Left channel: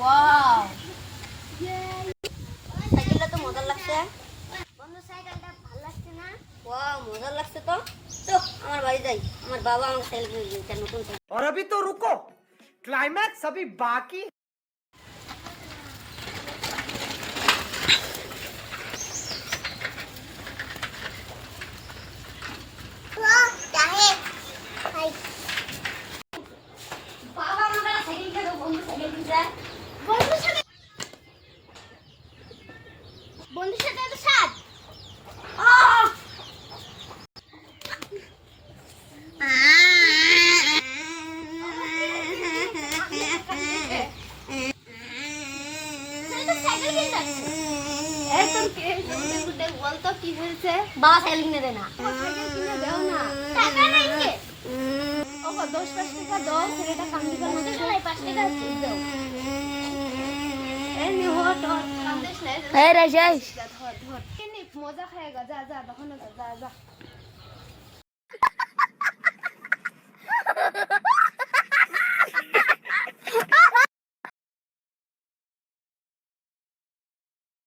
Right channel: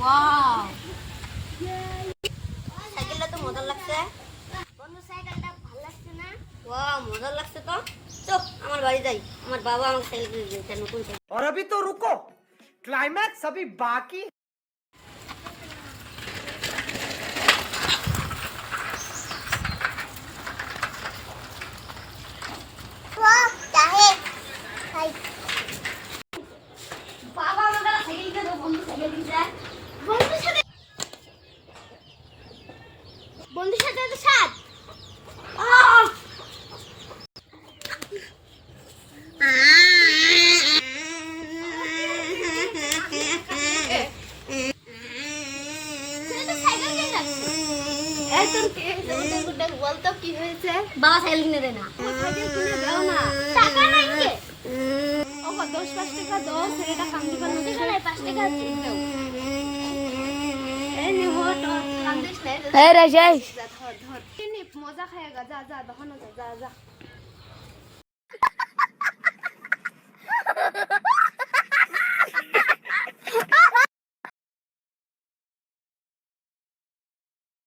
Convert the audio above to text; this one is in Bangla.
ওয়াও সাইকেলটা তো মজা লাগছে বন্ধু সাইকেলটা ভালো লাগছে না ওয়াও মজা লাগছে তো চল আমার বাড়ি যাই আমার বাবা আমাকে সাইকেল কিনে দিয়েছে নতুন और अभी तो रुको क्लाइमैक्स अभी बाकी वाह चाहे हाय बाबा আমাকে সাইকেল কিনে দাও বন্ধু সাইকেল কিনে বন্ধুর সাথে তো সাথ বাবা সাইকেল কিনে দেয় না টাকা নাই কে ও 10 টাকা দাও সেটা কাম দিবা না 5 টাকা দাও এই নে ও তো কাম দিস না এই রে যাই ধর ধর কি নি মজা খায়গা যা যা দোকানে যা যা